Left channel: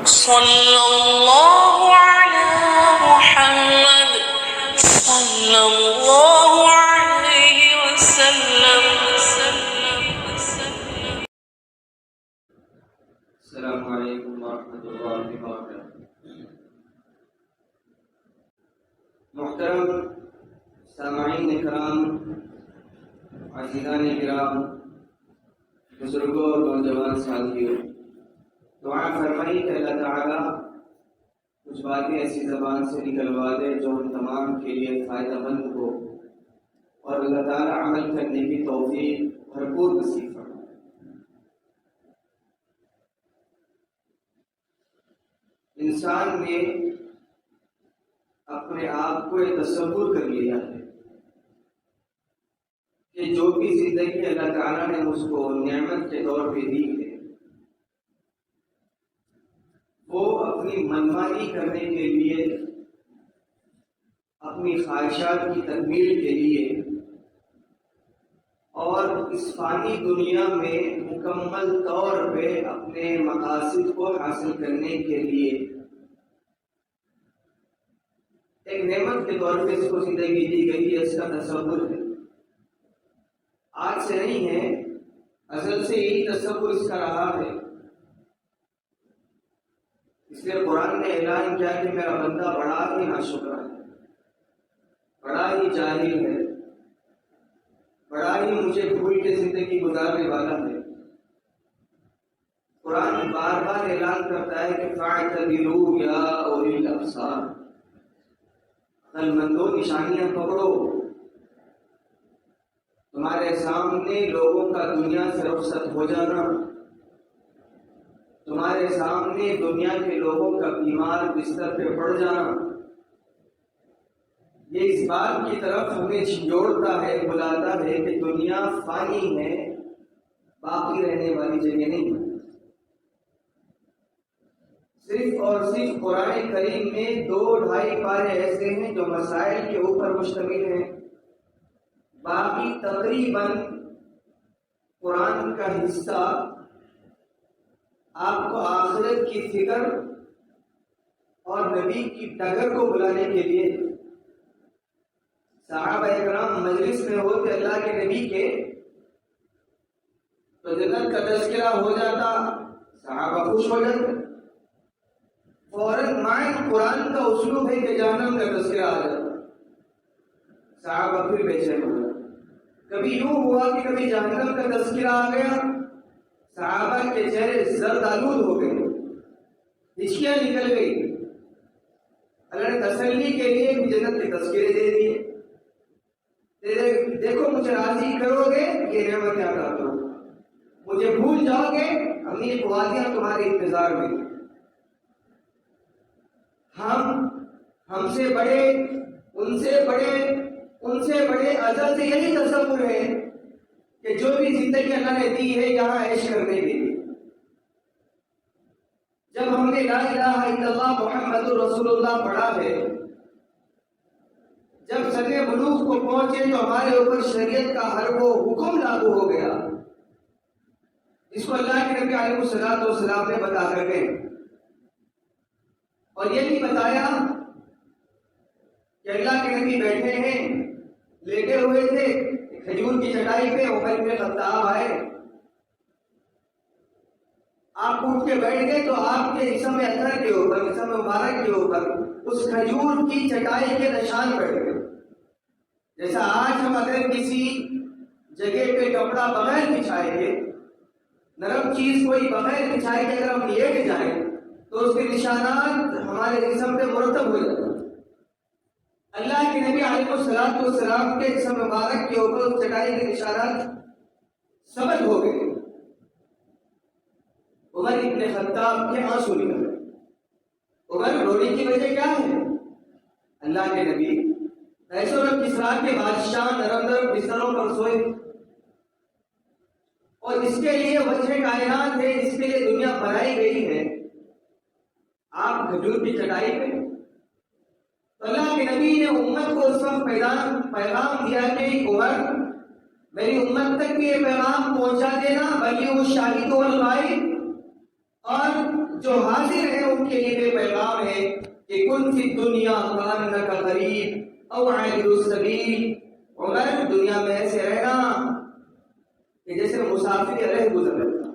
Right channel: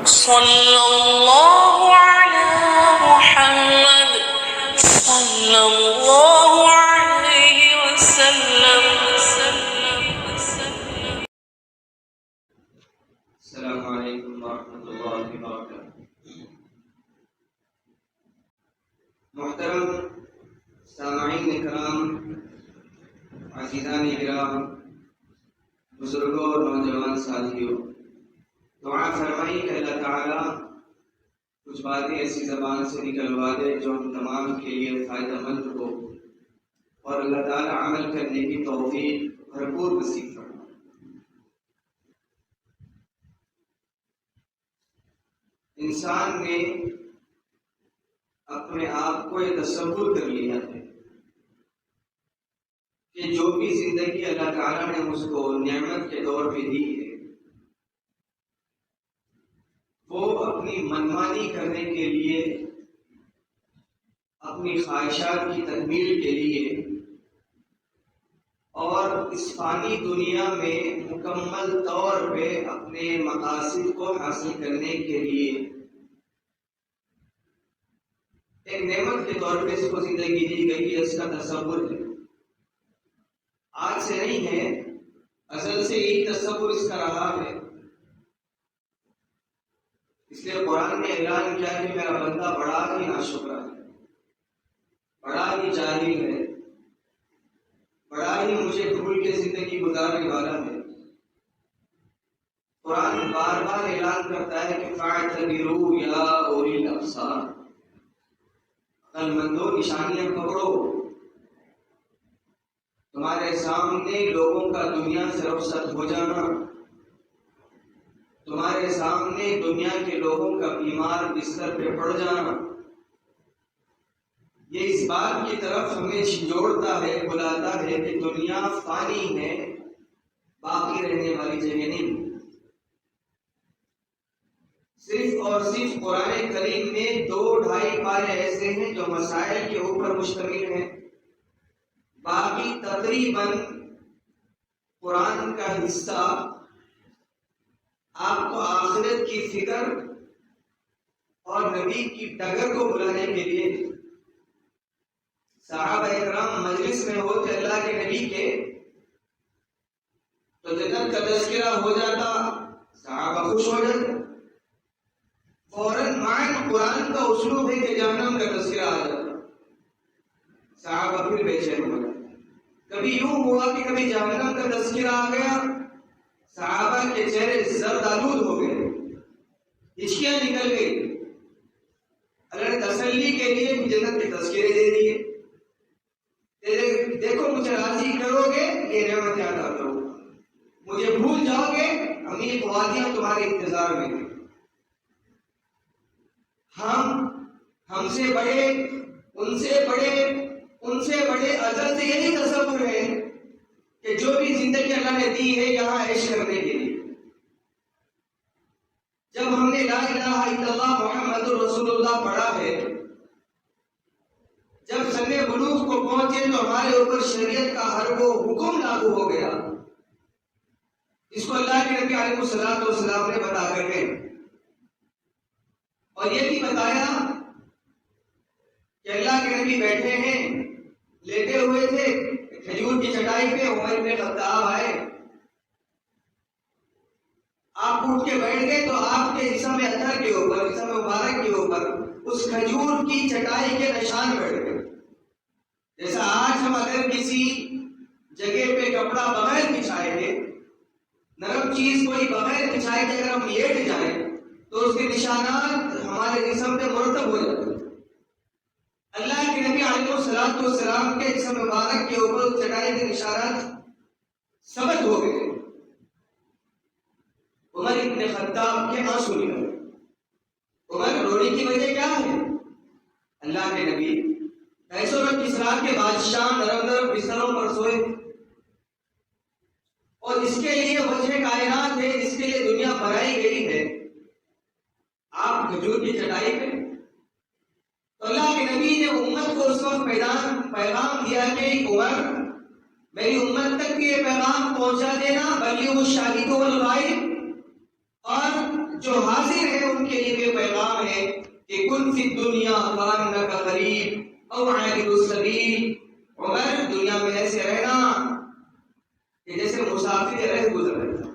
صلی اللہ علی محمد صلی اللہ علیہ وسلم. السلام علیکم ورحمۃ اللہ وبرکاتہ. محترم سامعین کرام، عزیزان کرام، بزرگوں اور نوجوان ساتھیوں، دعا فرمائی کہ اللہ تعالیٰ کچھ باتیں ایسی زبان سے نکلوا دے جو ہم تمام کے لیے فائدہ مند ہو، اور اللہ تعالیٰ عمل کرنے کی توفیق بھرپور نصیب فرمائے. انسان نے اپنے آپ کو یہ تصور کر لیا ہے کہ جو بھی زندگی اللہ تعالیٰ نے اس کو نعمت کے طور پہ دی ہے، وہ اپنی منمانی کرنے کے لیے، اپنی خواہشات کی تکمیل کے لیے اور اس فانی دنیا میں مکمل طور پہ اپنے مقاصد کو حاصل کرنے کے لیے ایک نعمت کے طور پہ اس کو زندگی دی گئی ہے. اس کا تصور ہے، آج سے نہیں ہے، ازل سے یہی تصور اس کا رہا ہے. اس لیے قرآن نے اعلان کیا کہ میرا بندہ بڑا ہی ناشکرا ہے، بڑا ہی جاہل ہے، بڑا ہی مجھے بھول کے زندگی گزارنے والا ہے. قرآن بار بار اعلان کرتا ہے کہ فَاعْتَبِرُوا يَا أُولِي الْأَبْصَارِ، عقل مندو نشانیاں پکڑو. تمہارے سامنے لوگوں کا دنیا سے رخصت ہو جانا، تمہارے سامنے دنیا کے لوگوں کا بیمار بستر پہ پڑ جانا، یہ اس بات کی طرف ہمیں جھنجھوڑتا ہے، بلاتا ہے کہ دنیا فانی ہے، باقی رہنے والی جگہ نہیں. صرف اور صرف قرآن کریم میں 2-2.5 پارے ایسے ہیں جو مسائل کے اوپر مشتمل ہیں. باقی تقریباً قرآن کا حصہ آپ کو آخرت کی فکر اور نبی کی ڈگر کو بلانے کے لیے. صحابہ اکرام مجلس میں ہوتے اللہ کے نبی کے تو جنت کا تذکرہ ہو جاتا، صحابہ خوش ہو جاتے. فوراً معنی قرآن کا اسلوب ہے کہ جہنم کا تذکرہ آ جاتا، صحابہ پھر بے چین ہو جاتے. کبھی یوں ہوا کہ کبھی جہنم کا تذکرہ آ گیا، صحابہ کے چہرے زرد آلود ہو گئے، ہچکیاں نکل گئی. اللہ نے تسلی کے لیے بھی جنت کے تذکرے دے دیے. دیکھو مجھے راضی کرو گے یہ نعمتیں عطا کرو، مجھے بھول جاؤ گے امیر وادیاں تمہارے انتظار میں ہیں. ہم سے بڑے، ان سے بڑے ازل سے یہی تصور ہے کہ جو بھی زندگی اللہ نے دی ہے یہاں عیش کرنے کے لیے. جب ہم نے لا الہ الا اللہ محمد رسول اللہ پڑھا ہے، جب سن بلوغ کو پہنچے تو ہمارے اوپر شریعت کا ہر وہ حکم لاگو ہو گیا اس کو اللہ کے نبی علیہ الصلوۃ والسلام نے بتا کر کے، اور یہ بھی بتایا کہ اللہ کے نبی بیٹھے ہیں، لیٹے ہوئے تھے کھجور کی چٹائی پہ، عمر بن خطاب آئے، آپ اٹھ کے بیٹھ گئے تو آپ کے جسم اطہر کے اوپر، جسم مبارک کے اوپر اس کھجور کی چٹائی کے نشان پڑ گئے. جیسا آج ہم اگر کسی جگہ پہ کپڑا بغیر بچھائے گے، نرم چیز کوئی بغیر بچھائے گے، اگر ہم لیٹ جائیں تو اس کے نشانات ہمارے جسم پہ مرتب ہو جاتے ہیں. اللہ کے نبی علیہ الصلوۃ والسلام کے جسم مبارک کے اوپر اس چٹائی کے نشانات ثبت ہو گئے. عمر ابن خطاب کے آنسو نکل گئے. عمر رونے کی وجہ کیا ہے؟ اللہ کے نبی ایسو میں کسرا کے بادشاہ نرم نرم بستروں پر سوئے، اور اس کے لیے وجہ کائنات ہے، جس کے لیے دنیا بنائی گئی ہے، آپ کھجور کی چٹائی پہ. تو اللہ کے نبی نے امت کو اس وقت پیغام دیا کہ عمر میری امت تک بھی یہ پیغام پہنچا دینا، بلغوا الشاہد والغائب، اور جو حاضر ہیں ان کے لیے بھی پیغام ہے کہ کن فی الدنیا کانک غریب او عابر السبیل، عمر دنیا میں ایسے رہنا کہ جیسے مسافر رہ گزر رہا۔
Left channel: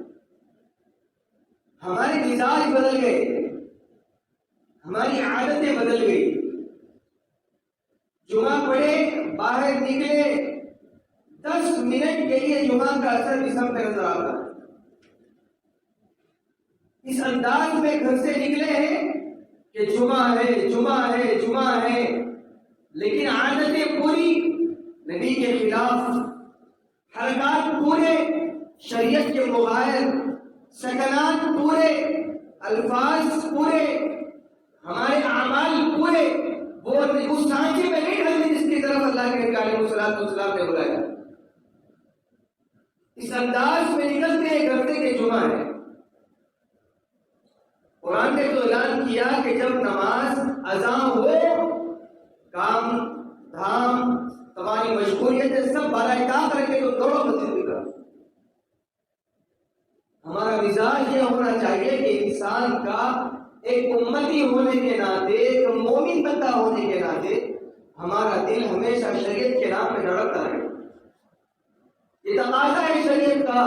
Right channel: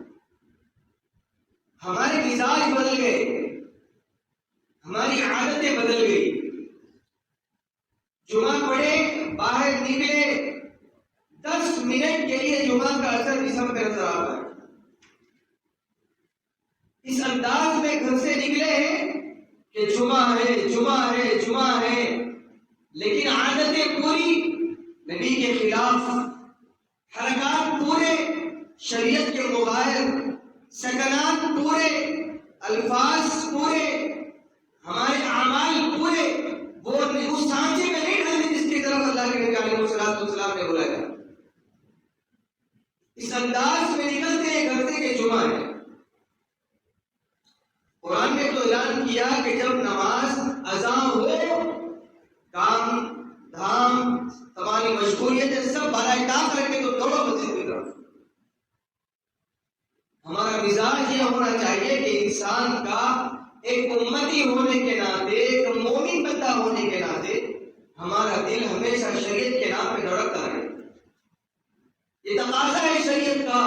ہمارے مزاج بدل گئے، ہماری عادتیں بدل گئی۔ جمعہ پڑھے، باہر نکلے، 10 منٹ کے لیے جمعہ کا اثر جسم پہ نظر آتا ہے۔ اس انداز میں گھر سے نکلے ہیں کہ جمعہ ہے جمعہ ہے جمعہ ہے، لیکن عادتیں پوری نبی کے خلاف، حرکات پورے شریعت کے مغایر، سکنات پورے، الفاظ پورے، ہمارے اعمال پورے، وہ اس سانچے میں نہیں ڈالتے جس کی طرف اللہ کے نبی علیہ السلام نے بلایا۔ اس انداز میں نکلتے ہیں گھر سے کہ جمعہ ہے۔ قرآن نے تو اعلان کیا کہ جب نماز اذان ہو، کام دھام تمہاری مشغولیتیں سب بالائے طاق رکھے تو دوڑو مسجد کی طرف۔ ہمارا مزاج یہ ہونا چاہیے کہ انسان کا ایک امتی ہونے کے ناطے، ایک مومن بندہ ہونے کے ناطے ہمارا دل ہمیشہ شریعت کے نام پہ دھڑکتا رہے۔ یہ تقاضا ہے شریعت کا،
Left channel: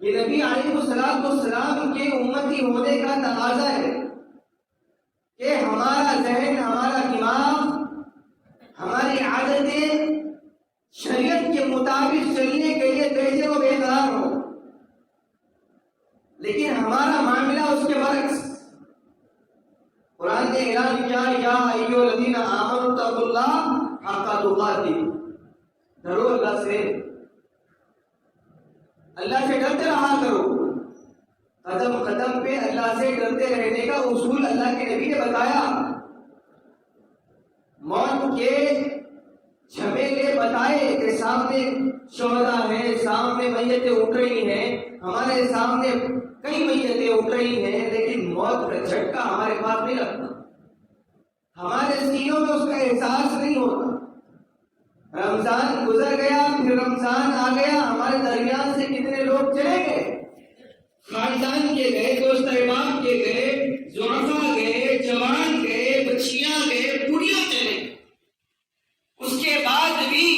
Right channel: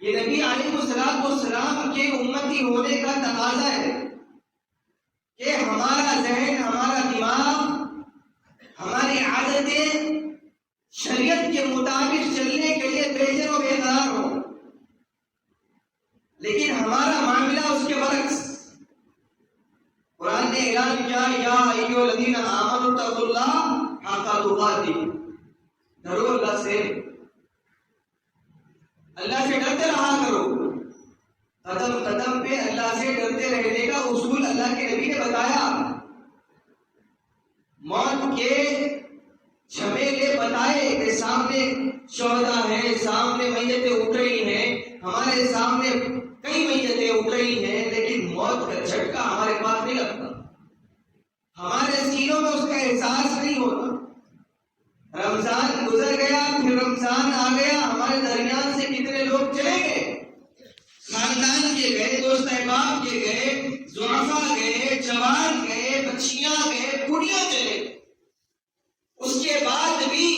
یہ نبی علیہ السلام کے امتی ہونے کا تقاضا ہے کہ ہمارا ذہن، ہمارا دماغ، ہماری عادتیں شریعت کے مطابق چلنے کے لیے بہتر و بہتر ہو، لیکن ہمارا معاملہ اس کے برعکس۔ قرآن نے اعلان کیا یا ایھا الذین آمنوا اتقوا اللہ حق تقاتہ، ڈرو اللہ سے، اللہ سے ڈرتے رہا کرو۔ قدم قدم پہ اللہ سے ڈرتے رہنے کا اصول اللہ کے نبی نے بتایا، موت کے جھمیلے بتائے کہ سامنے شہداء ہیں، سامنے میتیں اٹھ رہی ہیں، ہمارے سامنے کئی میتیں اٹھ رہی ہیں، لیکن موت کا جھٹکا ہمارے پاس نہیں لگتا، ہمارے سینوں میں اس کا احساس نہیں ہوتا۔ رمضان گزر گیا، پھر رمضان آ گیا، ہمارے درمیان سے کتنے لوگ چلے گئے، خاندان کے گئے، دوست احباب کے گئے، ضعفاء گئے، جوان گئے، بچیاں گئے، بوڑھیاں چلے گئے۔ اس کے بعد بھی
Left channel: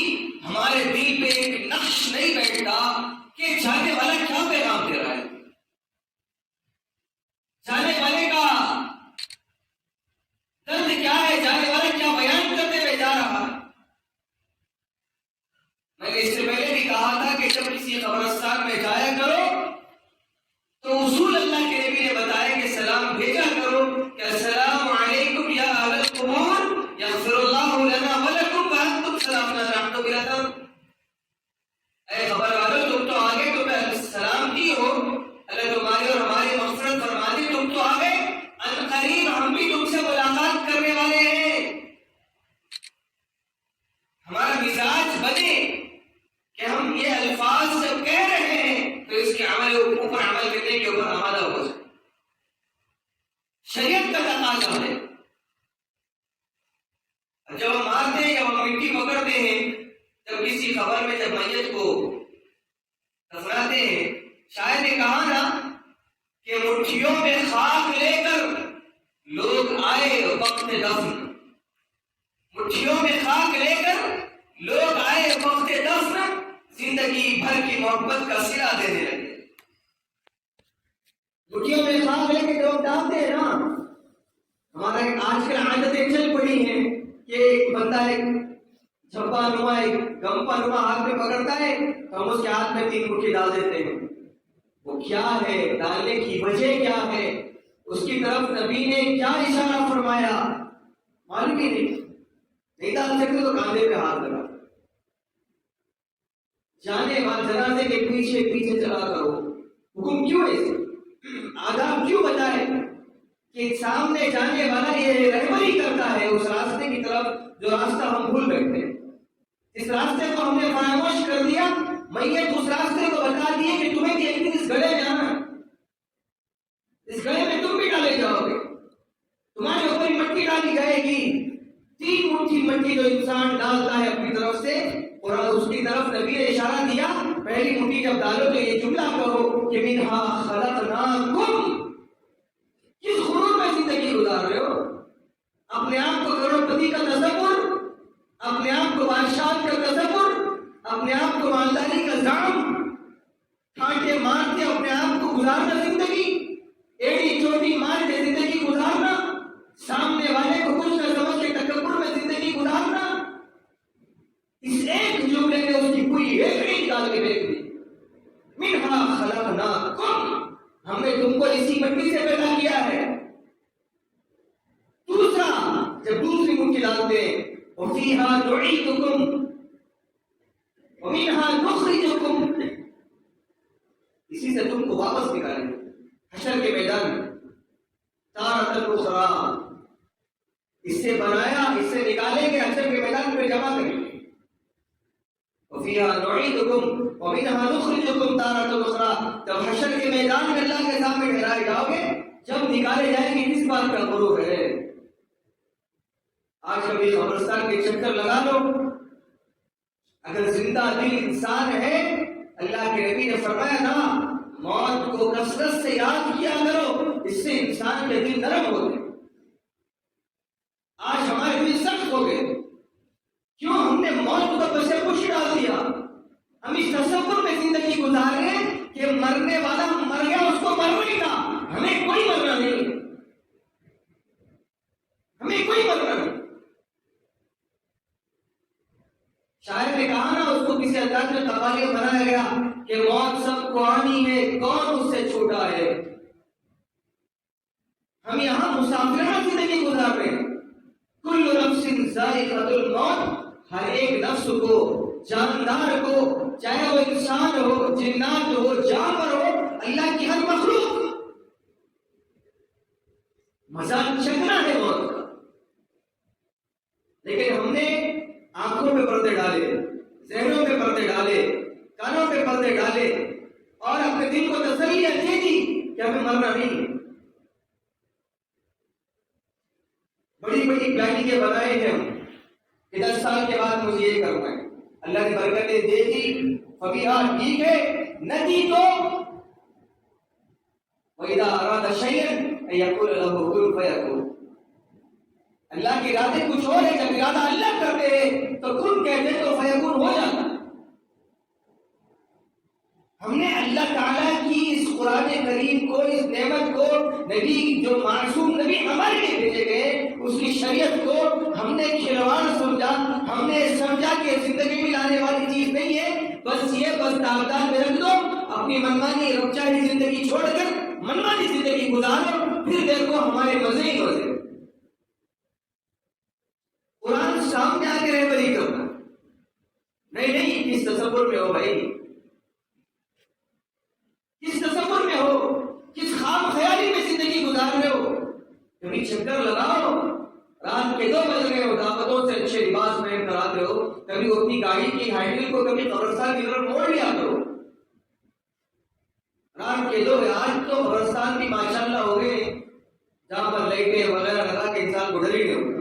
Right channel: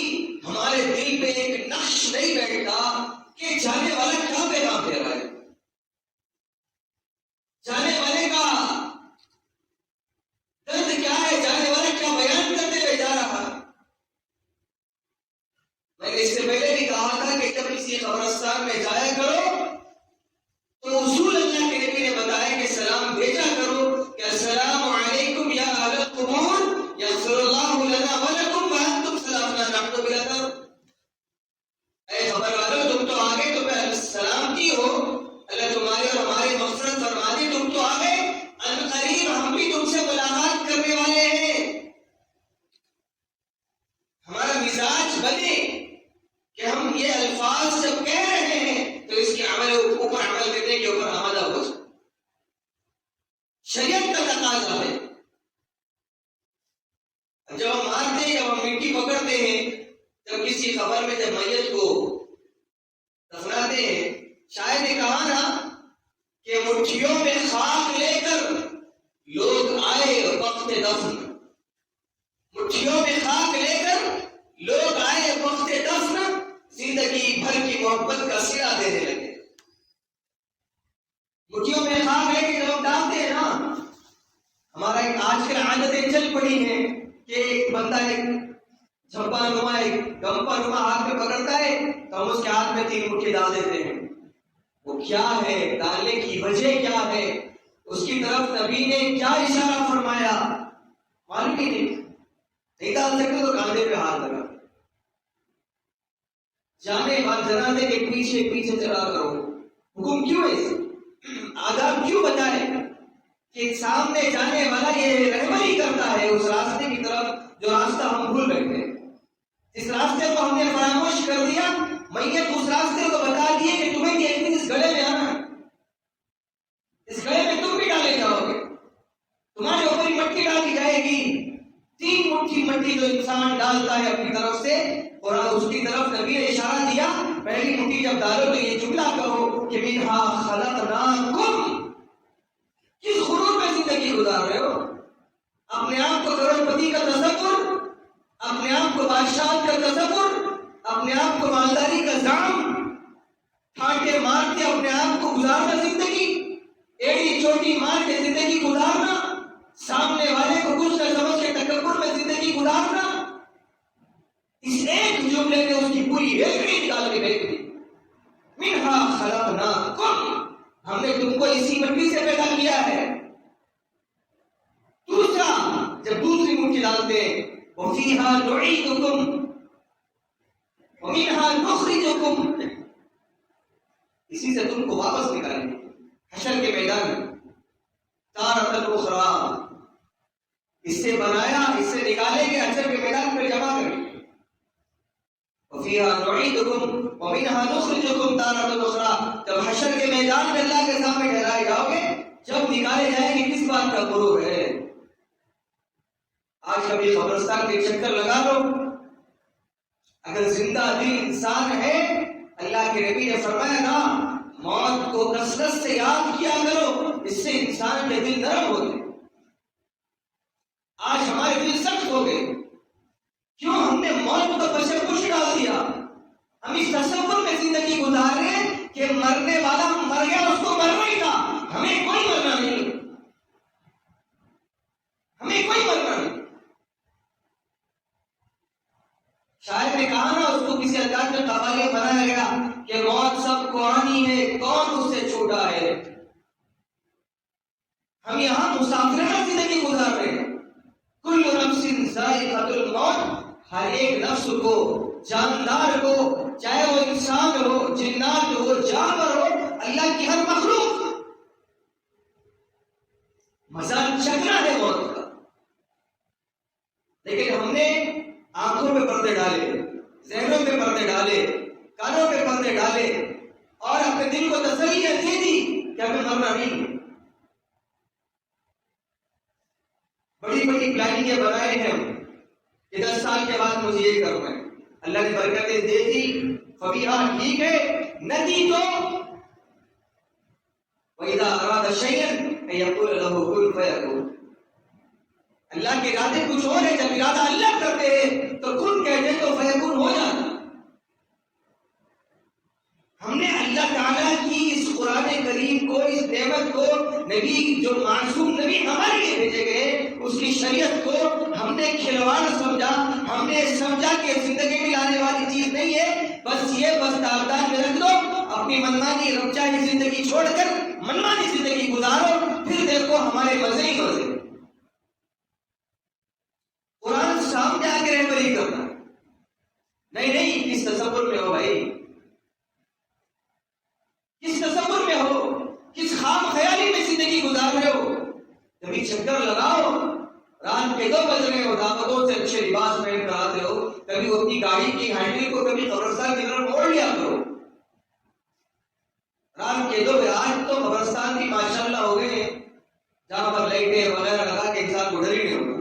ہمارے دل پہ ایک نقش نہیں بیٹھتا کہ جانے والا کیا پیغام دے رہا ہے، جانے والے کا درد کیا ہے، جانے والا کیا بیان کرتے ہوئے جا رہا ہے۔ میں نے اس سے پہلے بھی کہا تھا کہ جب کسی قبرستان میں جایا کرو تو اصول اللہ کے نبی نے بتایا کہ سلام بھیجا کرو کہ السلام علیکم یا اہل القبور یغفر اللہ لنا ولکم وانتم سلامنا نحن بلکم۔ اے خبر والو، تم تو آگے، تمہیں سلامتی ہو، اللہ تمہاری اور ہماری مغفرت فرما دی، تم تو آگے، ان قریب ہم بھی تم سے ملاقات کرنے والے ہیں۔ ہمارا مزاج بنے کہ ہم یہ الفاظ جب کہہ رہے ہیں تو اس کے عمل اوپر عمل کرنے کے اوپر آمادہ ہو جائے۔ شریعت کا تقاضا ہے۔ جب ہم مارتے ہیں، جب ہم مٹی پکڑتے ہیں، جب کسی خبر میں جب میت کو دفناتے ہیں، شاید نے کہا نا کہ مٹھیوں میں خاک لے کر لوگ آئے وقت دفن، مٹھیوں میں خاک لے کر لوگ آئے وقت دفن، زندگی بھر کی محبت کا صلہ دینے لگے۔ مٹھیوں میں خاک لے کے لوگ ڈالتے ہیں نا، ہمارا ایک آج کل عادتیں چل پڑی ہیں کہ ایک بندہ ایک جھپا نما، ایک گمپا نما ہاتھ میں پکڑتا ہے تو ہم اس کے ہاتھ میں 3 مٹھی ڈال دیتے ہیں۔ وہ کیا ہے، ڈالنے کی وجہ کیا ہے، اس کی طرف نبی نے کیا اشارہ فرمایا، معلوم ہی نہیں ڈال سکتے تو کاندھے پہ ہاتھ لگا۔ جانے والے جنازے کے پیچھے پیچھے چلا کرو، حکم کیوں ہے، آداب کیوں بتائے کہ سامنے جانے والا یہ رہبری کرتا ہے اس راستے کی طرف جو راستہ ہم بھول بیٹھے، اس راستے کو ہم نے فراموش کر دیا۔ میت اس راستے کو بتا دیے کہ تمہیں کہ ایک دن اس گڑھے میں جانا ہے، اس گڑھے میں تم بھی ڈالے جاؤ گے، تمہارے اوپر ہی مٹی ڈالی جائے گی۔ 3 مٹھی مٹی جو انسان ڈالتا ہے اپنی طرف سے، اور اس کی طرف نبی نے اشارہ دیا پہلی مٹھی جب ڈالو تو یہ جملہ کہو کہ منہا خلقناکم. کس غرور میں زندگی گزار رہے ہو؟ اپنے آپ کو کروڑ پتی کا تصور، اپنے آپ کو بادشاہ کا تصور، اپنے آپ کو مالداری کا زعم ٹھاٹے مار کے اپنے آپ کو گزارنا زندگی، ایڑی چوٹی مار کے زندگی گزارنا، سامنے والے کو کچھ نہ سمجھ کے تکبر میں زندگی گزارنا. اس ایک جملے نے اس کی پوری ہسٹری نکال کے پھینک دی. منہا خلقناکم، ہم نے تم کو اسی مٹی سے پیدا کیا ہے. دوسرا جب دوسری مٹھی ڈالتے ہیں وفیہا نعیدکم ومنہا نخرجکم، اسی سے تم کو واپس نکالیں گے حشر کے میدان میں. تارۃ اخری، اس سے بنایا، اس سے نکالیں گے، حشر کے میدان میں جمع کریں گے. وفیہا نعیدکم ومنہا نخرجکم تارۃ اخری، جب حشر کے میدان میں اللہ کے سامنے ٹھہرائے جاؤ گے، جب نکالے جائیں گے کس بات کا غرور ہے؟ آج کبھی قبرستان کے چکر لگا لو. اگر زندہ دل انسان ہے، اللہ کے نبی نے فرمایا نا موت کو کثرت سے یاد کیا کرو، اس سے انسان کے دل نرم ہوتے. آج ہمارے دل سخت ہو گئے، کیوں؟ ہم نے موت کو بسے کچھ ڈال دیا. ہم اس تصور میں زندگی گزار رہے ہیں کہ مرنے والا مر گیا، اس کو مرنا ہی تھا، ہمیں کوئی مرنا نہیں، ہمیں کوئی مرنا نہیں. شاعر نے کہا نا، اس کو کسی انداز میں قوالیہ بنایا گیا کہ موت سب کو آنی ہے، کون اس سے چھوٹا ہے. ہم یہاں مسافرانہ زندگی گزار رہے ہیں. کل نفس ذائقۃ الموت، ہر ایک نفس کو، جاندار کو، چاہے وہ انسان ہو، جنات ہو، جانور ہو، اللہ کی ہر مخلوق مزہ چکنا ہے موت کا. لیکن ہم نے آنکھوں پہ پردے ڈالے، ذہنوں پہ پردے ڈالے، کانوں پہ پردے ڈالے، اور اپنے دل کو تسلیاں دے دی کہ ہمیں مرنا نہیں. بڑی بڑی پلاننگیں بنائے ہیں ہم کہ 10 سال کے بعد مجھے یہ کرنا ہے. اللہ نے برکتیں دے دی، فبیہا، ٹھیک ہے، نہ دی تو وَإِذَا أَرَادَ شَيْئًا أَن يَقُولَ لَهُ كُن فَيَكُونُ. اللہ کے ارادے کچھ اور ہے، جب ارادہ اللہ کرتے ہیں تو کن کہتے ہیں تو فیکون ہو جاتا. ہم نے اللہ تعالیٰ کی اس قرآن کریم کو، اس نعمت کو، نبی جو معصوم نبی ہمارے لیے بھیجے گئے، اس کی شریعت کو ہم نے کھلواڑ سمجھا. ہم نے سمجھا کہ زندگی میں لانے والی چیز نہیں ہے، بس یہ بس داغدار میں رکھ دو، اپنی منمانی رب چاہی زندگی چھوڑ کر منمانی زندگی گزارو، پھر دیکھو ہمارے مزے ہی مزے. قرآن سامنے آ کے رہبری کرنا نہیں، کس تصور میں ہو بھائی، کس تصور میں ہو، کس خام خیالی میں زندگی گزار رہے ہو. کبھی چکر لگاؤ، رات کے 2 بج رہے ہو، دعوتوں سے اچھے لباس پہن کر آتے ہو، کبھی اپنی گاڑی کی ہینڈل کو کبھی قبرستان کی طرف موڑ لیا کرو. رات کے 2 بجے، آج تو قبرستان بھی ماشاءاللہ ہو گئے جہاں پر لائٹیں وغیرہ لگا کے انسان کو ڈر ہی نہیں ہوگا.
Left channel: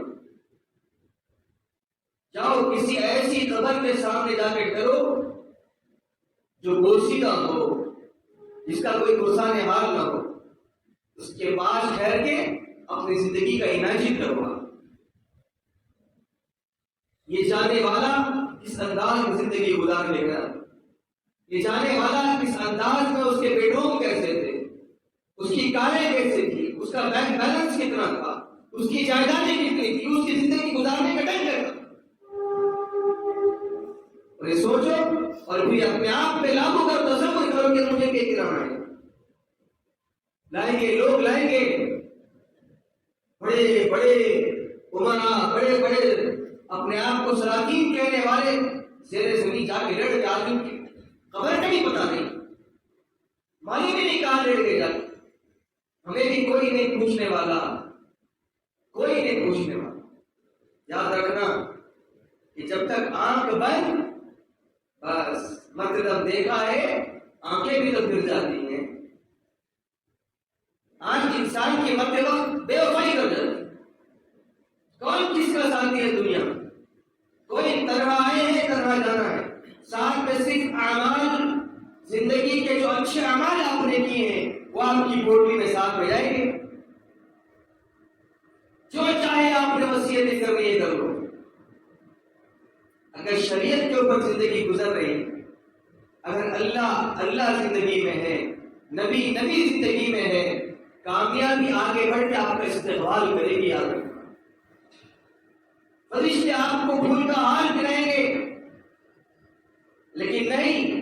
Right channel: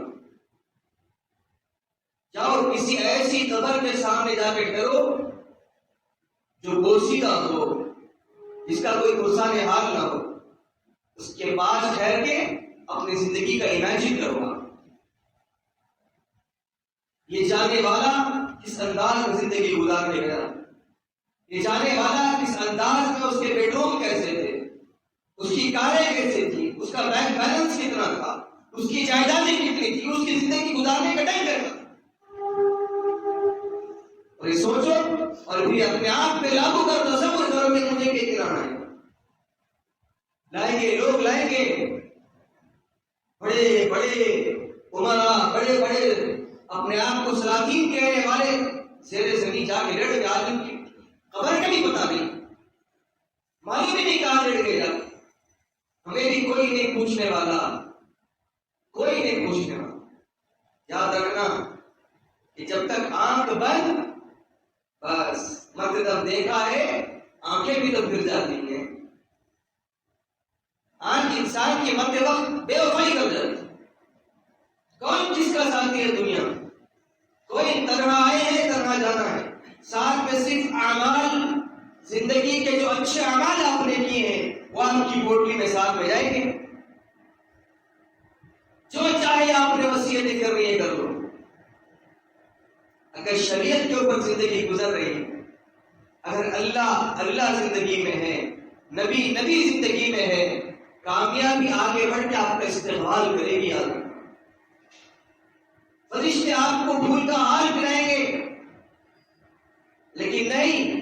جاؤ کسی ایسی قبر کے سامنے جا کے ڈرو جو بوسیدہ ہو، جس کا کوئی پرسان حال نہ ہو، اس کے پاس ٹھہر کے اپنی زندگی کا امیجن کروا. یہ جانے والا کس انداز میں زندگی گزار لے گیا، یہ جانے والا کس انداز میں، اس کے بیڈ روم کیسے تھے، اس کی کاریں کیسے تھی، اس کا بینک بیلنس کتنا تھا، اس کی جائیدادیں کتنی تھی، اس کی زندگی گزارنے کا ڈنگ کیسا. اور یہ سوچو اور پھر اپنے آپ پہ لاگو کرو، تصور کرو کہ مجھے کیا کرانا ہے. لائیں گے لوگ، لائیں گے بڑے بڑے عمرا، بڑے بڑے اپنے آپ کو سلاطین کہنے والے، زیر زمین جا کے لڑ گئے. آدم کی خبر کا بھی پتا نہیں، معلوم بھی نہیں کہاں لڑ گئے. ہمیں بھی کوئی نہیں پوچھنے والا، کوئی نہیں پوچھنے والا. یاد رکھنا کہ جب تک آنکھ بند، بس مرتے دم دیکھا ہے، آنکھیں بھی تو پھر جاتی ہیں. آج انسان کے مرتے وقت بے وفائی کر جاتی. کون کس کا ساتھی ہے دنیا؟ کوئی کرنا آئے ہیں، کرنا جانا ہے. ساتھ میں صرف اعمال میں ساتھ میں جائیں گے. جو چاہے آپ نے وصیتیں کرنی ہے کر لو. اگر شریعت کے اوپر زندگی گزر رہی ہے، اگر اللہ زندگی میں ہے، نبی زندگی میں ہے، کامیابی آگے بڑھ کے آپ کا استقبال کرے گی. یاد رکھنا، فرشتے آپ کو پھول کا ہار پہنائیں گے. لیکن نہیں،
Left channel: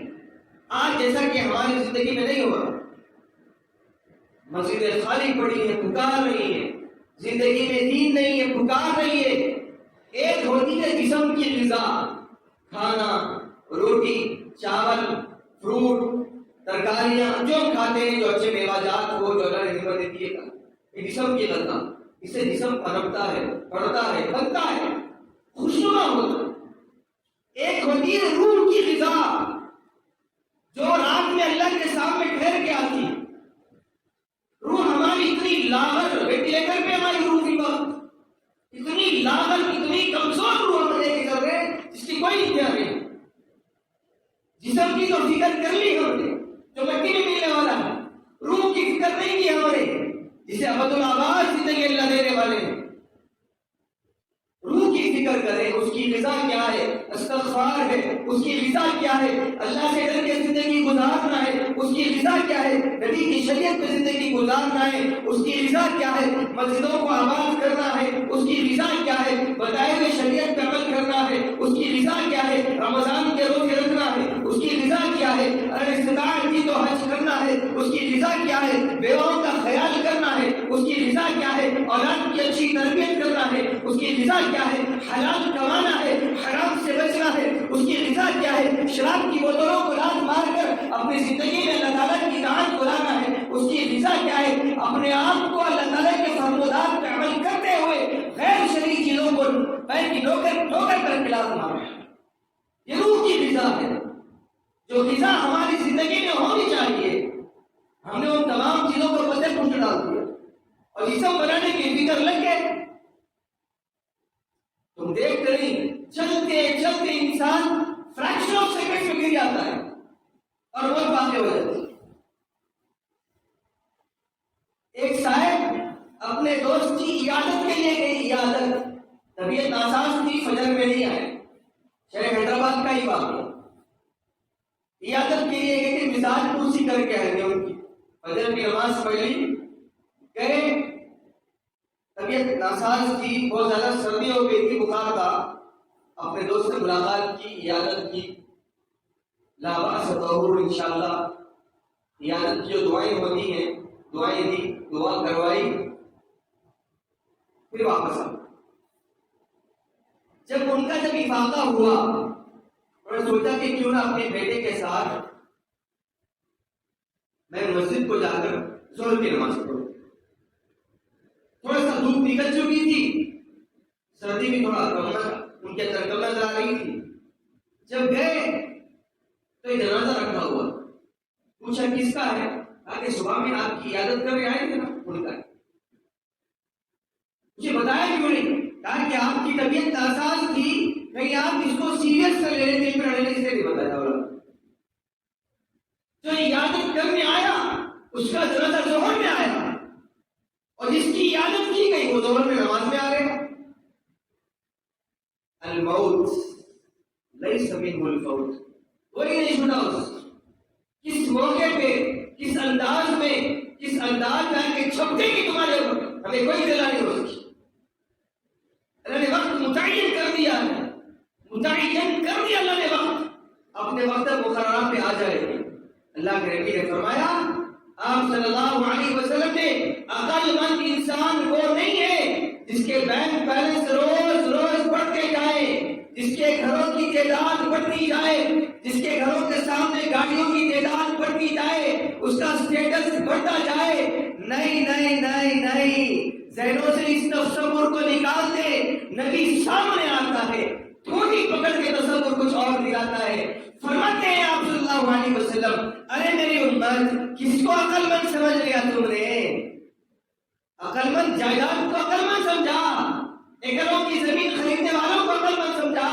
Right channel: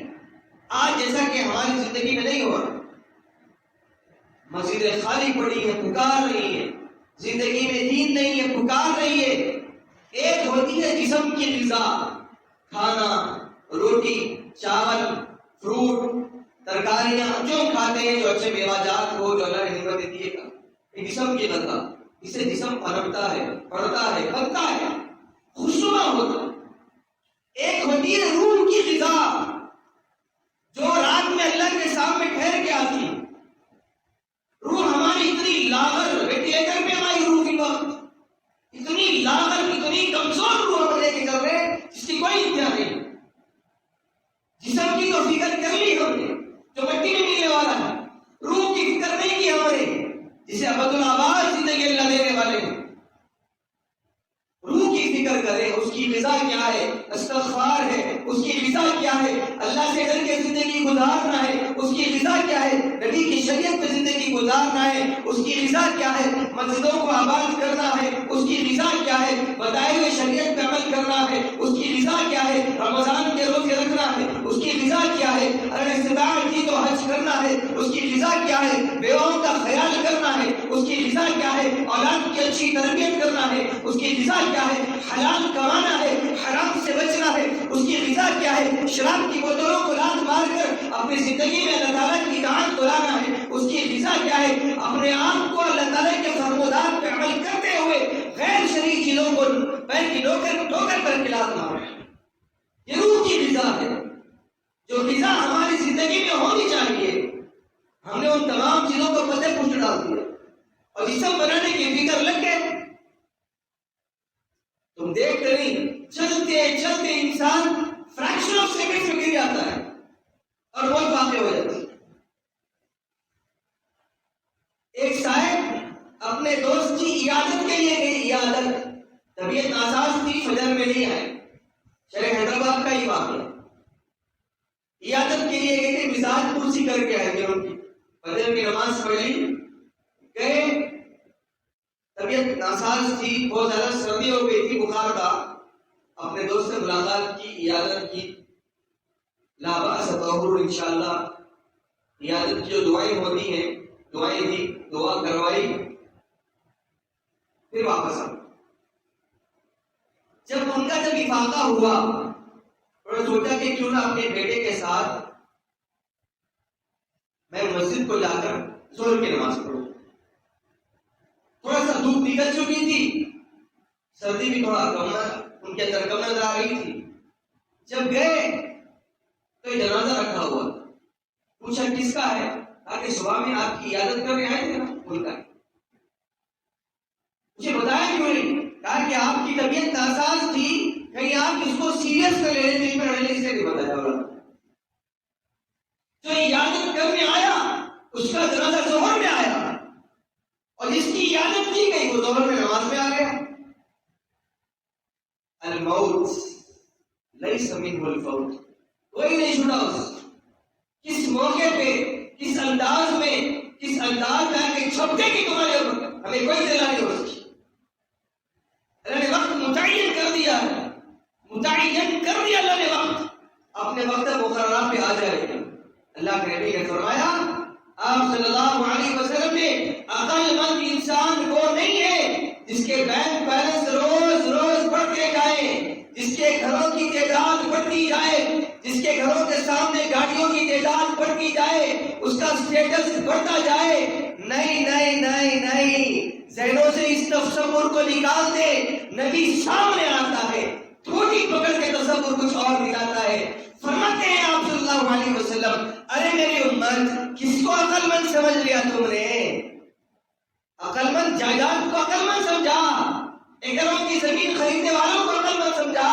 آج جیسا کہ ہماری زندگی میں نہیں ہوا. مسجدیں خالی پڑی ہیں، پکار رہی ہیں. زندگی میں دین نہیں ہے، پکار رہی ہے. ایک ہوتی ہے جسم کی غذا، کھانا، روٹی، چاول، فروٹ، ترکاریاں جو ہم کھاتے ہیں، جو اچھے میوہ جات ہو، جو اللہ نے نعمت دی ہے، یہ جسم کی غذا. اس سے جسم پنپتا ہے، بڑھتا ہے، بنتا ہے، خوشنما ہوتا ہے. ایک ہوتی ہے روح کی غذا، جو رات میں اللہ کے سامنے ٹھہر کے آتی. روح ہماری اتنی لاغر، وینٹیلیٹر پہ ہماری روح کی وقت اتنی لاغر، اتنی کمزور روح ہم لے کے چل رہے ہیں جس کی کوئی انتہا نہیں. جسم کی تو فکر کر لی ہم نے جو مٹی میں ملنے والا ہے، روح کی فکر نہیں کی ہم نے جسے ابد الآباد زندگی اللہ دینے والے ہیں. روح کی فکر کریں، اس کی غذا کیا ہے؟ استغفار ہے. اس کی غذا کیا ہے؟ اللہ سے ڈر کے زندگی گزارنا ہے. اس کی غذا کیا ہے؟ نبی کی شریعت پہ زندگی گزارنا ہے. اس کی غذا کیا ہے؟ مسجدوں کو آباد کرنا ہے. اس کی غذا کیا ہے؟ بتائے ہوئے شریعت پہ عمل کرنا ہے. اس کی غذا کیا ہے؟ رمضان کے روزے رکھنا ہے. اس کی غذا کیا ہے؟ اگر استطاعت کی تو حج کرنا ہے. اس کی غذا کیا ہے؟ بیواؤں کا خیال کرنا ہے. اس کی غذا کیا ہے؟ اولاد کی اچھی تربیت کرنا ہے. اس کی غذا کیا ہے؟ حلال کمانا ہے، حرام سے بچنا ہے. اس کی غذا کیا ہے؟ شراب کی بوتلوں کو لات مار کر اپنی زندگی میں اللہ تعالیٰ کی اطاعت کو لانا ہے. اس کی غذا کیا ہے؟ اپنے آپ کو اللہ تعالیٰ کے فرمودات پہ عمل کرتے ہوئے غیر شرعی چیزوں کو پیر کی ٹھوکر کر کے لات مارنا ہے. یہ روح کی غذا ہے، جو غذا ہماری زندگی میں ہونی چاہیے. ہم نے ان تمام چیزوں کو پتے پوچھ ڈال دیا اور جسم بنانے کی فکر لگ گئے. تم دیکھ کر ہی چلتے چلتے انسان فریکشن آف سیکنڈ میں گر جاتا ہے اور موت واقع ہو جاتی ہے. ایک صاحب اپنے دوست کی عیادت کے لیے گئی. عیادت، طبیعت ناساز تھی، فجر میں نہیں آئے. شہر حیدرآباد کا ہی واقعہ. عیادت کے لیے گئے تھے، مزاج پرسی کر کے آئے تھے. ان کی فجر کی نماز پڑھی، گئے. طبیعت ناساز تھی، بہت زیادہ سردی ہو گئی تھی، بخار تھا. اپنے دوست سے ملاقات کی، عیادت کی. لا بأس طہور انشاءاللہ. عیادت کی جو دعائیں ہوتی ہیں دعائیں دی، دعا کروائی، پھر واپس آ. جب ان کا افاقہ ہوا، انہوں نے سوچا کہ کیوں نہ اپنے بیٹے کے ساتھ میں مسجد کو جا کر ظہر کی نماز پڑھوں. تھوڑا سا دھوپ نکل چکی تھی، سردی بھی تھوڑا کم ان کے اندر کم نظر آ رہی تھی. جب گئے تو یہ جنازہ رکھا ہوا. پوچھا کس کا ہے؟ کہا کہ صبح میں آپ کی عیادت کرنے آئے تھے نا، ان کا. مجھے بتایا کیوں نہیں؟ کہا کہ آپ کی طبیعت ناساز تھی، کہیں آپ اس کو سیریس کر لے رہے تھے، پھر سے نہیں بتایا. جو عیادت کرنے آیا اس کا جنازہ ظہر میں آیا، اور جس کی عیادت کی گئی وہ ظہر میں نماز میں آ گیا. الموت لیس منہ الفوت. کوئی نہیں چھوٹا اس. کس موقع پہ، کس انداز میں آ کے چھپتے کی تمہارے ہمیں کوئی دلا نہیں ہو سکی. اللہ نے وقت متعین کر دیا اللہ نے وقت. اپنے وقت مقررہ پہ آ جائے گا. اللہ کے نبی نے فرمایا، آپ صلی اللہ علیہ وسلم نے عقل مند انسان وہ نہیں ہے جس کے بینک بیلنس روز بڑھتے جائے، جس کے گھروں کی تعداد بڑھتی جائے، جس کے گھروں کے سامنے گاڑیوں کی تعداد بڑھتی جائے، اس کا سٹیٹس بڑھتا جائے. نہیں نہیں نہیں نہیں، ذہنوں سے اس تصور کو نکال دے. نبی سامنے آتا ہے، تھوڑی پکڑ کے تصور کچھ اور دکھاتا ہے. فرماتے ہیں آپ صلی اللہ علیہ وسلم، ارے میری امت، کس کو عقل مند سمجھ لیا تم نے؟ عقل مند جائیداد کو عقل مند سمجھا، ایکڑوں کی زمین خریدنے والوں کو عقل مند سمجھا،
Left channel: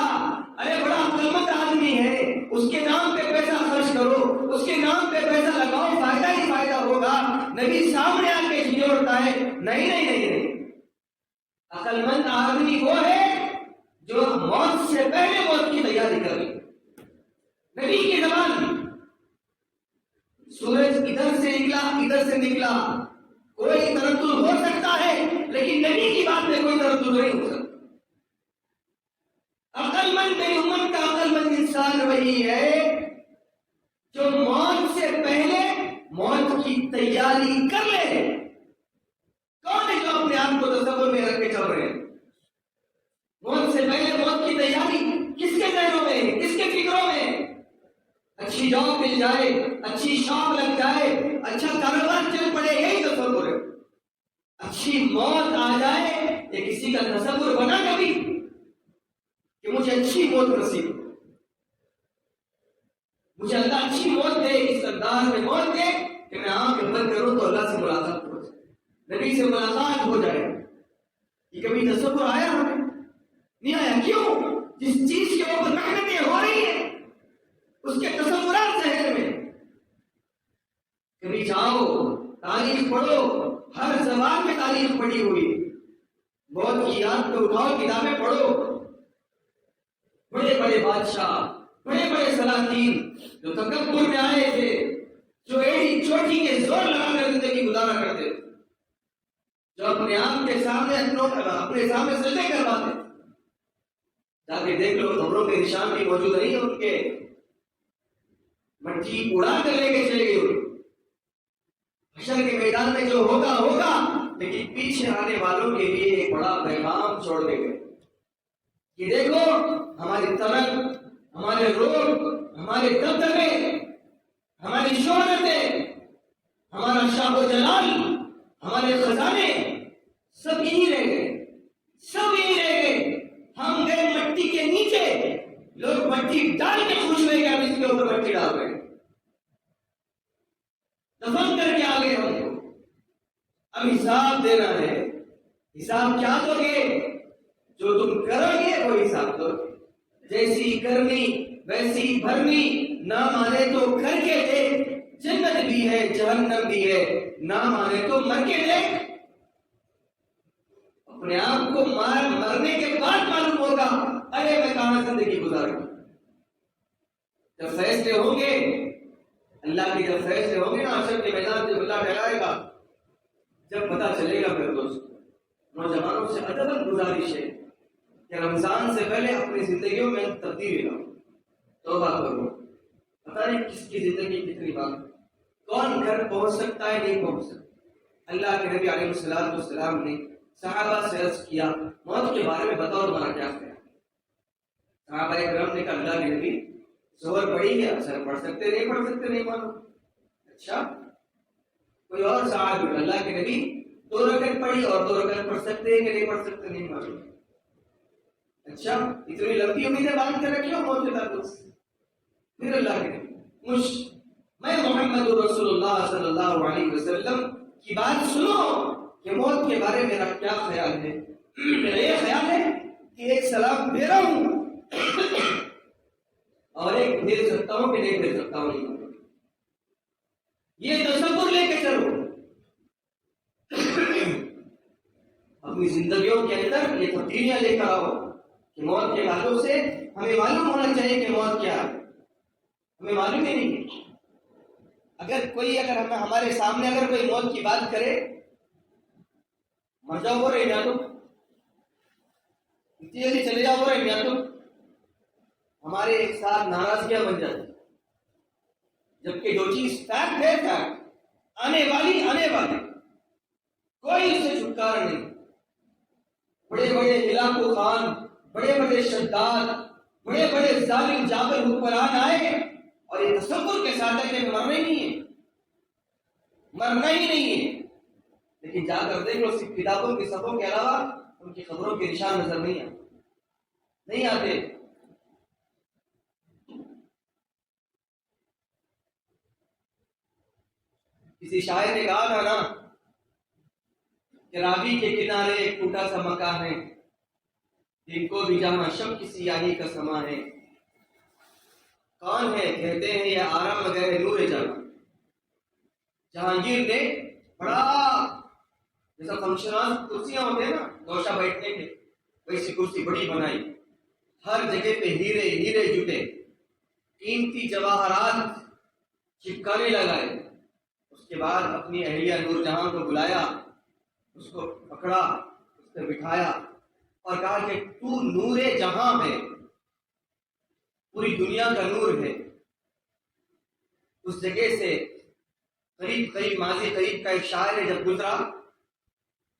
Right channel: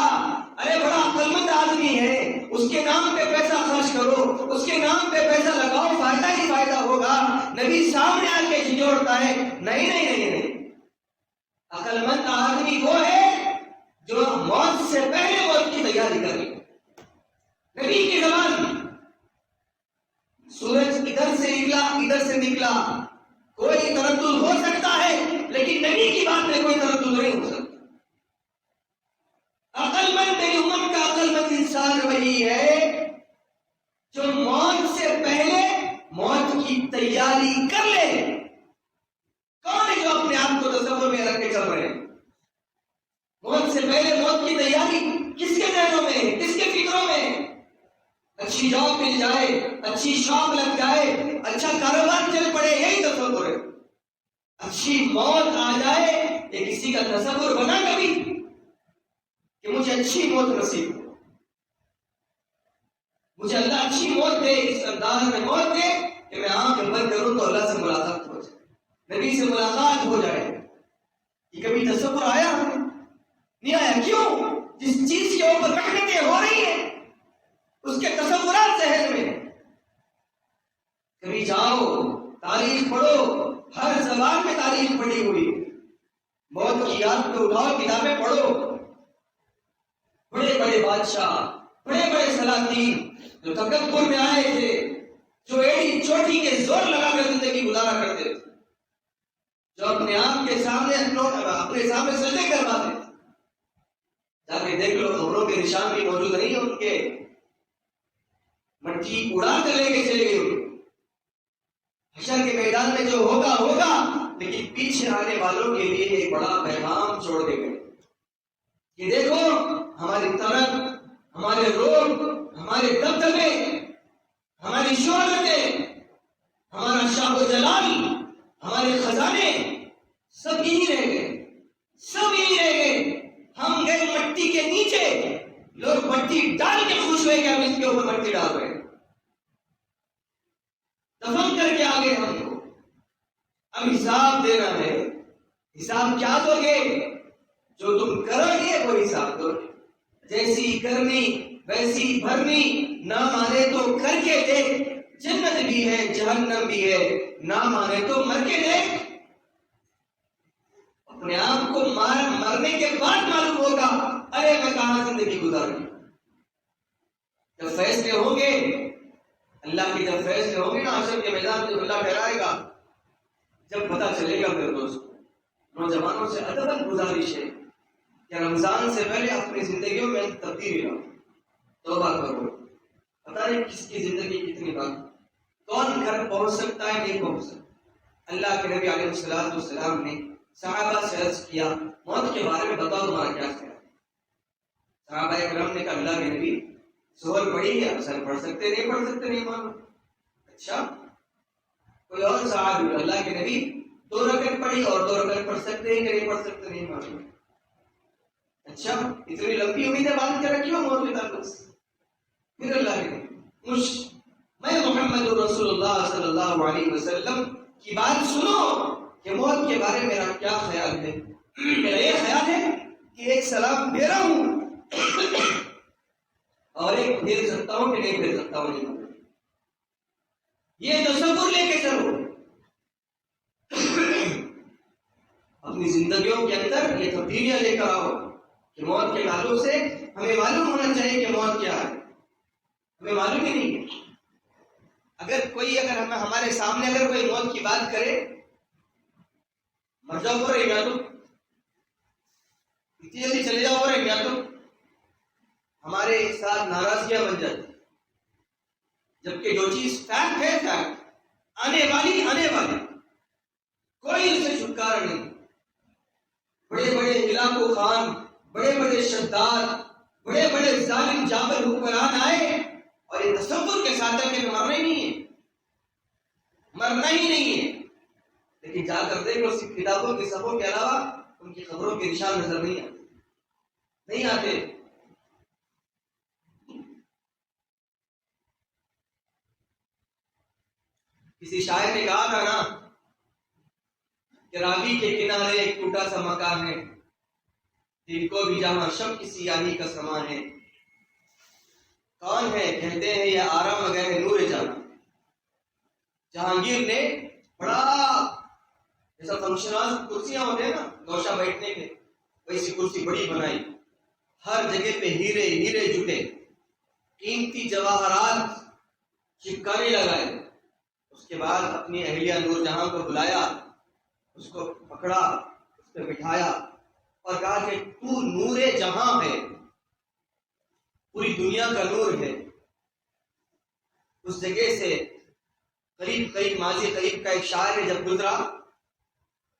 ارے بڑا عقلمند آدمی ہے، اس کے نام پہ پیسہ خرچ کرو، اس کے نام پہ پیسہ لگاؤ، فائدہ ہی فائدہ ہوگا۔ نبی سامنے آ کے جھنجھوڑتا ہے، نہیں نہیں نہیں نہیں، عقلمند آدمی وہ ہے جو موت سے پہلے موت کی تیاری کرے۔ نبی کی زبان، سورج ادھر سے نکلا ادھر سے نکلا، کوئی تردد ہو سکتا ہے، لیکن نبی کی بات میں کوئی تردد نہیں ہو سکتا۔ عقل مند میری امت کا عقل مند انسان وہی ہے جو موت سے پہلے موت کی تیاری کر لے۔ کون ہے جو اپنے آپ کو تصور میں رکھ کے چل رہے ہیں؟ موت سے پہلے موت کی تیاری کس کے ذہنوں میں ہے، کس کے فکروں میں ہے؟ اچھی جاب مل جائے، اچھی شاپ لگ جائے، اچھا کاروبار چل پڑے، یہی تصور ہے۔ اچھی موت آ جائے، یہ کسی کا تصور بنا کبھی کہ مجھے اچھی موت نصیب ہو، مجھے اللہ اچھی موت دے، اس انداز میں موت دے کہ میں آنکھ بند کروں تو اللہ سے ملاقات ہو جائے، نبی سے ملاقات ہو جائے۔ یہ کبھی تصور آیا ہمیں؟ نہیں آیا۔ کیوں؟ جس چیز کے اوپر محنتیں ہو رہی ہیں اس کے تصورات ذہن میں۔ کبھی جاؤ تاریخ پڑھو، ہر زبان میں تاریخ پڑھی ہوئی، موت کی یاد پہ اٹھاؤ کتابیں پڑھو۔ بڑے بڑے بادشاہ، بڑے بڑے سلاطین جو تکبر میں آئے تھے، جو ایڑی چوٹی کے زور لگا کر زندگی گزارا کرتے تھے، جو اپنے آپ کے سامنے اپنے سامنے سجدے کرواتے تھے، جا کے دیکھ لو خبروں کے نشان بھی موجود نہیں ہیں ان کے، مٹی اڑا کر لے کے چلے گئے۔ حشر کے میدان میں جو ہوگا ہوگا، لیکن پیچھے آنے والوں کے لیے ایک بڑا پیغام چھوڑ کے گئے کہ دیکھو ہماری طرف، ہمارے روگ، ہمارے دبدبے، ہماری شہرتیں، ہمارا شاہ و جلال، ہمارے خزانے سب یہی رہ گئے، سب یہی رہ گئے۔ ہم گئے مٹی کے نیچے، لوگ مٹی ڈال کے خوش ہوئے کہ ہم اس کے اوپر مٹی ڈال رہے ہیں، دفن کر کے آگے ہم کو اب حساب دینا ہے۔ حساب کیا دو گے؟ جو تم کرو گے وہ حساب دو گے۔ جیسی کرنی ویسی بھرنی، نہ مانے تو کر کے دیکھ، جنت بھی ہے جہنم بھی ہے، نہ مانے تو مر کے دیکھ۔ اپنے آپ کو مرنے کے بعد معلوم ہوگا ارے میں کہاں زندگی گزار گئی۔ جب فیصلے ہوں گے اللہ کے، جب فیصلے ہوں گے نا حشر کے میدان جب اللہ ٹھہرائے گا، جب پتہ چلے گا پھر دوست نوجوانوں سے ادباً گزارش ہے کہ رمضان سے پہلے اپنی زندگیوں میں تبدیلی لاؤ، توبہ کرو۔ پتہ نہیں کس کی زندگی کتنی بات، کون گھر پہنچ سکتا ہے نہیں پہنچ سکتا۔ اللہ کے نبی علیہ السلام نے صحابہ سے عرض کیا موت کے بارے میں بتاؤ تمہارا کیا خیال ہے؟ صحابہ کرام نے کہا اللہ کے نبی ظہر پڑھی ہے، اثر پڑھ سکتے نہیں پڑھ سکتے نہیں معلوم۔ اچھا کوئی اور صحابی، اللہ کے نبی 2 رکعت پڑھی اور 2 رکعت پڑھ سکتے ہیں کہ نہیں پڑھ سکتے نہیں معلوم۔ اچھا اتنی لمبی امیدیں باندھ کے رکھی ہو موت کے تعلق سے؟ پھر اللہ کے نبی میں محمد رسول اللہ صلی اللہ علیہ وسلم کی بات سنو کہ موت کے بارے میں میرا کیا خیال ہے۔ میرا یہ خیال ہے کہ ایک سلام دے رہا ہوں اور ایک بھیج سکتا ہوں کہ نہیں بھیج سکتا ہوں نہیں، یہ تصور لے کے چلو۔ اپنی زندگیوں کے اندر یہ تبدیلیاں لے کر آؤ کہ موت کے تعلق سے ہمیں معلوم ہونا چاہیے کہ موت کیا ہے، ہمیں معلوم ہی نہیں ہے۔ اگر ہمارے سامنے اگر کوئی موت کی بات کرے، مر جاؤ ہو رہے یا تو اتنی جلدی چلے جاؤ ہو رہے یا تو ہمارے ساتھ ناراضگیاں بن جاتی، جبکہ جو چیز فیکٹ ہے فیکٹ، آنے والی کوئی اس سے چھٹکارا نہیں۔ بڑے بڑے علاقوں خان، بڑے بڑے شداد، بڑے بڑے ظالم جابر حکمران آئے اور یہ تصور کے ساتھ ہے کہ مرنا ہی نہیں ہے، لیکن جا کر دیکھ لو صرف کتابوں کی صفوں کے علاوہ ان کی خبروں کے نشان نظر نہیں آتے۔ کسی شاعر نے کہا تھا نا کہ راوی کے کنارے ایک ٹوٹا سا مکان ہے، دن کو بھی جہاں شب کی سیاہی کا سما ہے. کون ہے؟ کہتے ہیں یہ آرام گہ نور جہاں. جہانگیر نے بڑا جیسا فنکشن کرسیاں ہوتے ہیں نا گوشہ بیٹھنے کے، ویسی کرسی بڑی بنائی. ہر جگہ پہ ہیرے ہیرے جٹے، قیمتی جواہرات چپکانے لگائے. اس کے بعد اپنی اہلیہ نور جہاں کو بلایا، اس کو پکڑا، اس پہ بٹھایا اور کہا کہ تو نور جہاں ہے، پوری دنیا کا نور ہے. اس جگہ سے قریب ماضی قریب کا ایک شاعر ہے، جب گزرا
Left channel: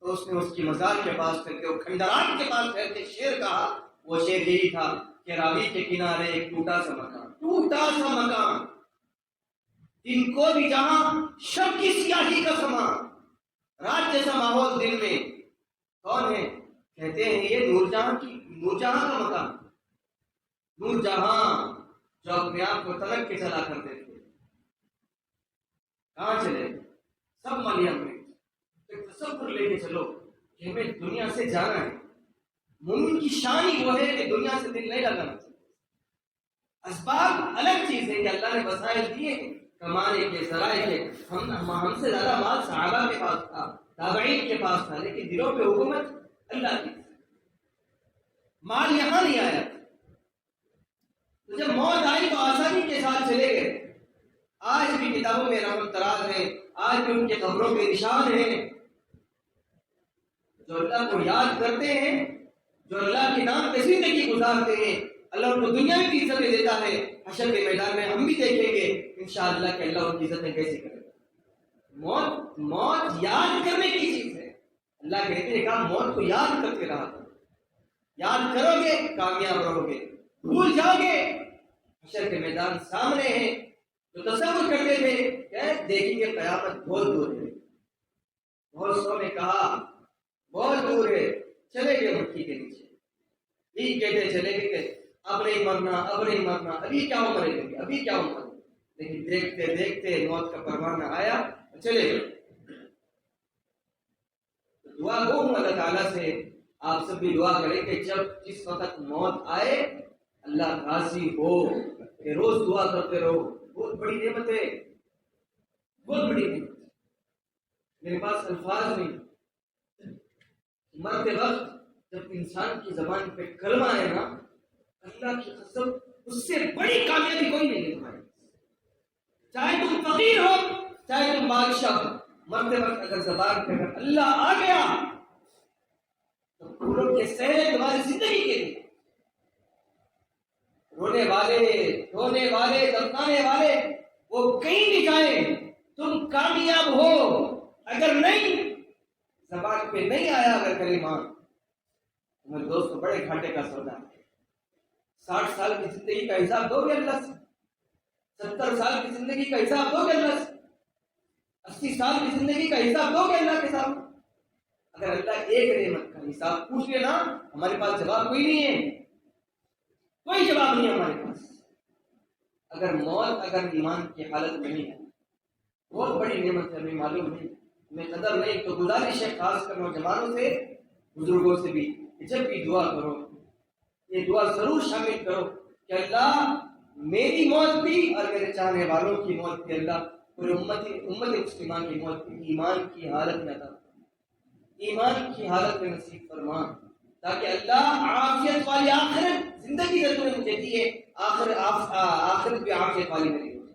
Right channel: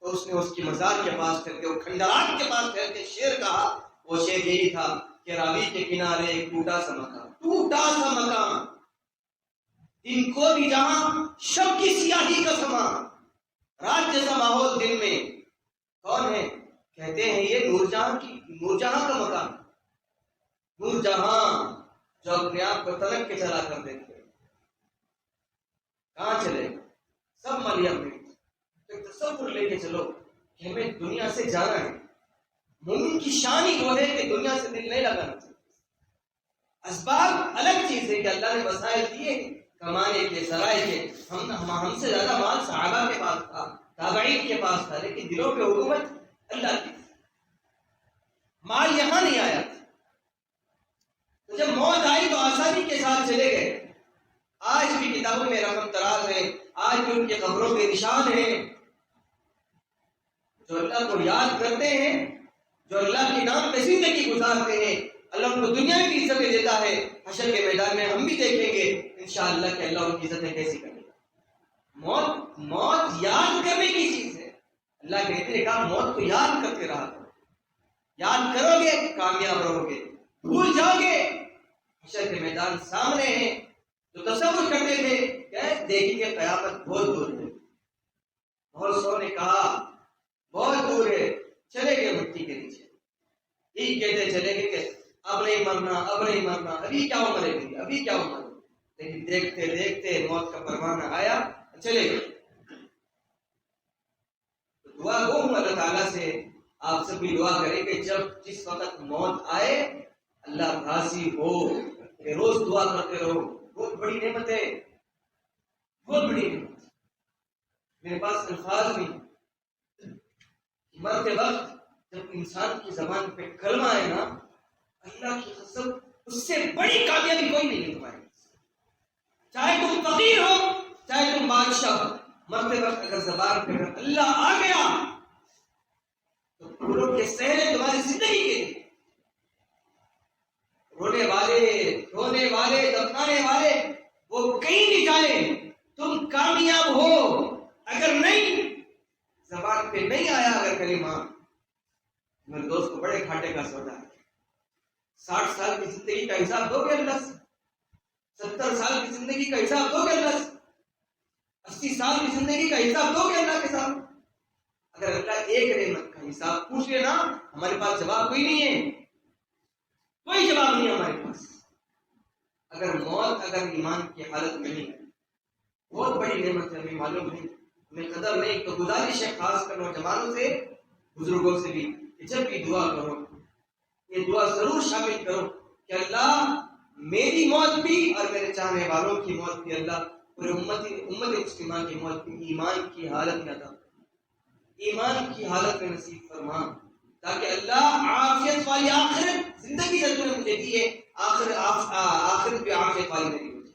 تو اس نے اس کی مزار کے پاس ٹھہرتے اور کھنڈرات کے پاس ٹھہرتے شعر کہا. وہ شعر یہی تھا کہ راوی کے کنارے ایک ٹوٹا سا مکان، دن کو بھی جہاں شب کی سیاہی کا سما، رات جیسا ماحول دل میں. کون ہے؟ کہتے ہیں یہ نور جہاں کا مکان. نور جہاں جو اپنے آپ کو ترک کے چلا کرتے تھے، کہاں چلے؟ سب مریم میں ایک تصور لے کے چلو کہ ہمیں دنیا سے جانا ہے. مومن کی شان ہی وہ ہے کہ دنیا سے دل نہیں لگانا چاہیے. اسباب الگ چیز ہے کہ اللہ نے وسائل دیے کمانے کے، ذرائع کے. ہم سے زیادہ مال صحابہ کے پاس تھا، تابعین کے پاس تھا، لیکن دلوں پہ حکومت اللہ کی. مال یہاں نہیں آیا. تو جب موت آئی تو آسانی کے ساتھ چلے گئے. آج بھی کتابوں میں رقم تراز ہے، آج بھی ان کے قبروں پہ نشان ہیں. جو اللہ کو یاد کرتے ہیں، جو اللہ کے نام پہ زندگی گزارتے ہیں، اللہ ان کو دنیا میں بھی عزتیں دیتا ہے. حشر کے میدان میں ہم بھی دیکھیں گے انشاءاللہ کہ اللہ ان کی عزتیں کیسی کرے. موت یاد کرنے کی چیز ہے. اللہ کہتے ہیں کہا موت کو یاد کرتے رہا کرو. یاد کرو گے کامیاب رہو گے. بھول جاؤ گے حشر کے میدان سامنے ہیں. تو تصور کرتے تھے کہ دیکھیں گے قیامت بہت دور ہے. بہت سو نے کہا بہت دور ہے، چلے گئے مٹی کے نیچے. ٹھیک کہتے چلے گئے کہ اب نہیں مرنا، ابھی کیا عمر ہے، ابھی کیا عمر. لیکن دیکھتے دیکھتے موت کا پروانہ آیا، چلے گئے. دعا گو ہوں اللہ تعالیٰ سے، آپ سب بھی دعا کریں کہ جس وقت موت آئے اللہ راضی ہو کہ روز دعا کرتے رہو. بہت بڑی نعمت ہے، بہت بڑی نعمت. میرے پاس الفاظ نہیں. مرتے وقت جب انسان کی زبان پہ کلمہ ہے نا، اللہ کی قسم اس سے بڑی کامیابی کوئی نہیں تمہاری. چاہے تم فقیر ہو، چاہے تم بادشاہ ہو، مرتے وقت اگر زبان پہ اگر اللہ آ گیا تو پھولوں کے صحرے تمہاری زندگی کے لیے. رونے والے دفنانے والے وہ کہیں بھی جائیں، تم کامیاب ہو. اگر نہیں زبان پہ نہیں آیا اگر کلمہ، میرے دوست کو بڑے گھاٹے کا سودا ہے. 60 سال کی زندگی کا حساب دو گے اللہ سے، 70 سال کی زندگی کا حساب دو گے اللہ سے، 80 سال کی زندگی کا حساب دو گے اللہ کے سامنے. اگر اللہ ایک نعمت کا حساب پوچھ لے نا، ہمارے پاس جواب کوئی نہیں ہے، کوئی جواب نہیں ہمارے پاس. اگر ایمان کی حالت میں نہیں ہے، بہت بڑی نعمت ہے، ہمیں معلوم نہیں، ہمیں قدر نہیں. تو گزارش ہے خاص کر نوجوانوں سے، بزرگوں سے بھی، کہ جب بھی دعا کرو یہ دعا ضرور شامل کرو کہ اللہ میری موت بھی اور میرے چاہنے والوں کی موت بھی، اللہ پورے امت مسلمہ کی موت بھی ایمان کی حالت میں عطا، ایمان کی حالت میں نصیب فرما، تاکہ اللہ عافیت والی آخرت زندگی جو نے مجھے دی ہے، آخرت بھی عافیت والی میری ہو جائے.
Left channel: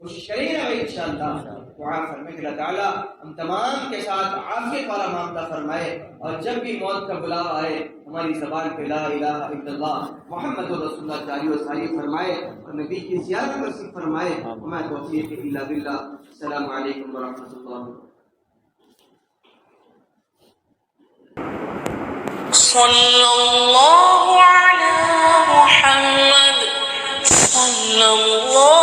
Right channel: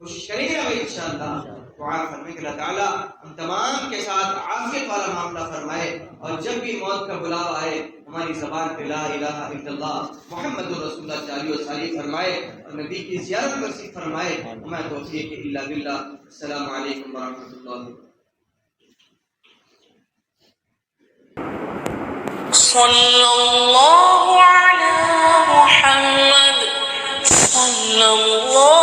کوشش کریں گے بھائی انشاءاللہ. دعا فرمائیں کہ اللہ تعالیٰ ہم تمام کے ساتھ عافیت والا معاملہ فرمائے، اور جب بھی موت کا بلاوا آئے ہماری زبان پہ لا الہ الا اللہ محمد رسول اللہ جاری و ساری فرمائے، اور نبی کی زیارت نصیب فرمائے. وما توفیق الا باللہ. السلام علیکم ورحمۃ اللہ. صلی اللہ علی محمد صلی اللہ